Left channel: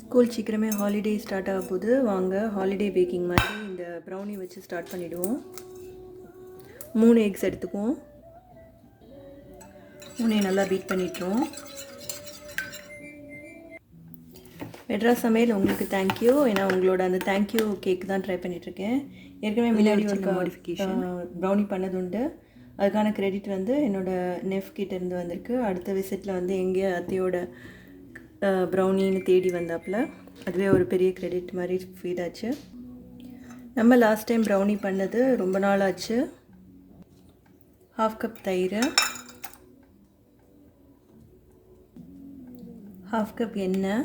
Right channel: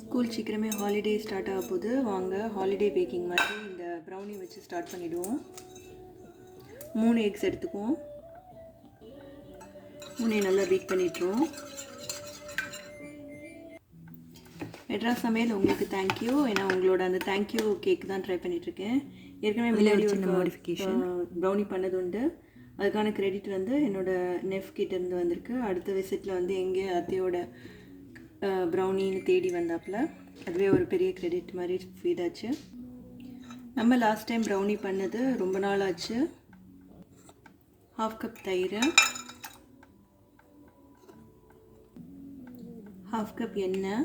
School சீக்கிரமே holiday start ஆக போகுது வாங்க ஹாலிடே பேக்கிங் மாதிரி இந்த ப்ரௌனி வச்சு ஸ்டார்ட் பண்ணிவிடுவோம் மூணு எக்ஸ் எடுத்துக்குவோம். மூணையும் நல்லா பீட் பண்ணிட்டுருவோம் மெட்ராஸ் சமையல் உங்களுக்கு தேங்க்யூ ஏன்னா உங்களோட அந்த தேங்க்யூ கேக் தான் ட்ரை பண்ணிகிட்ருக்கேன் ஏற்கனவே முன்னாடி மாடிஃபிகேஷன் ப்ரௌனி பண்ணது உண்டு. அதுக்கான கிரெடிட் வந்து என்னோடய நெஃப் கிட்ட இருந்து வந்திருக்கு. அடுத்த விசிட்டில் வந்து எங்கே அத்தையோட ப்ரௌனின்னு தேடி வந்தாப்புல அதுவே ஒரு பெரிய கிரெடிட் மாதிரி ஃபீல் ஆச்சு நம்ம லாஸ்ட் டைம் ப்ரௌனி பண்ணது ரொம்ப நாள் ஆச்சு. ஹாஃப் கப் தயிர். ஹாஃப் கப் எண்ணெய்.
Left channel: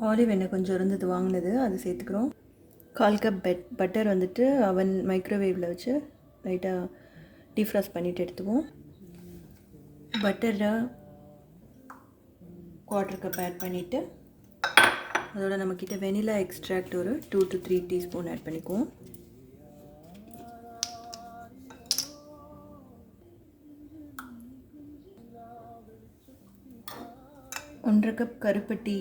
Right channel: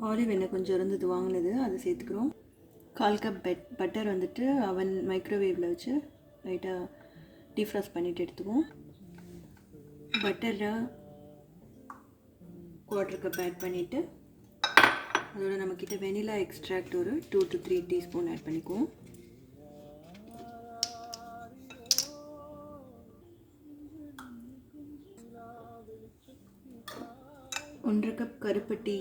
ஆலிவ் எண்ணெய் கொஞ்சம் இருந்தது வாங்கினது அது சேர்த்துக்கிறோம். கால் கப் பெட் பட்டர் வந்துட்டு அவன் மைக்ரோவேவில் வச்சு லைட்டாக டீஃப்ராஸ்ட் பண்ணிவிட்டு எடுத்துக்குவோம். பட்டரை குவார்ட்டர் கப் ஆட் பண்ணிவிட்டு அதோட நம்மக்கிட்ட வெனிலா எக்ஸ்ட்ராக்ட் ஒரு two to three teaspoon add பண்ணிக்குவோம். ஒன்றரை கப் கருப்பட்டி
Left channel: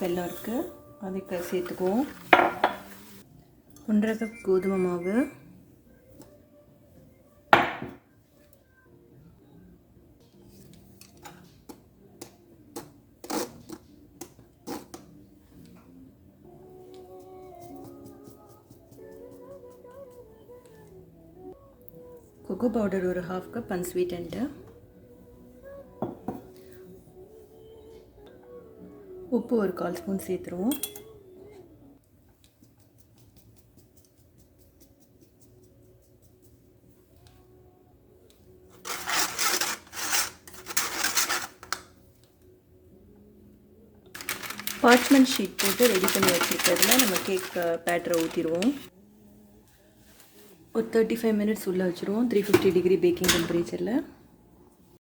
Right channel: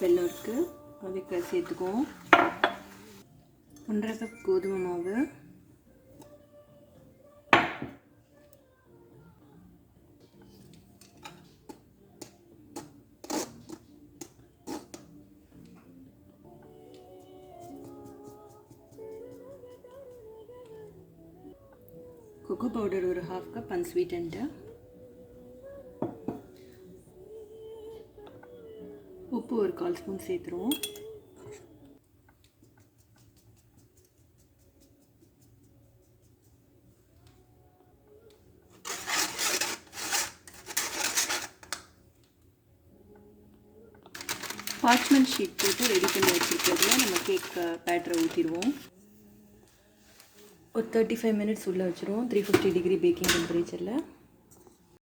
வெள்ளம் இருக்குது அதுக்கு சேர்த்துக்குவோம். ஒன்றரை கப் கோதுமை மாவு. கொக்கோ பவுடர் ஒரு half cup and sweet and உப்பு ஒரு கால் ஸ்பூன் சேர்த்துருவோம். பார்ச்மெண்ட் ஷீட் போட்டு ரெடி பண்ணி வச்சுருக்கிறதுல நம்ம கேக் பேட்டரை ஊற்றிடுவோம் ஒரு தேர்ட்டி ஃபைவ் மினிட்ஸ் உள்ளே வச்சுருவோம். த்ரீ ஃபிஃப்டி டிகிரி பேக்கிங் டெம்பரேச்சரில்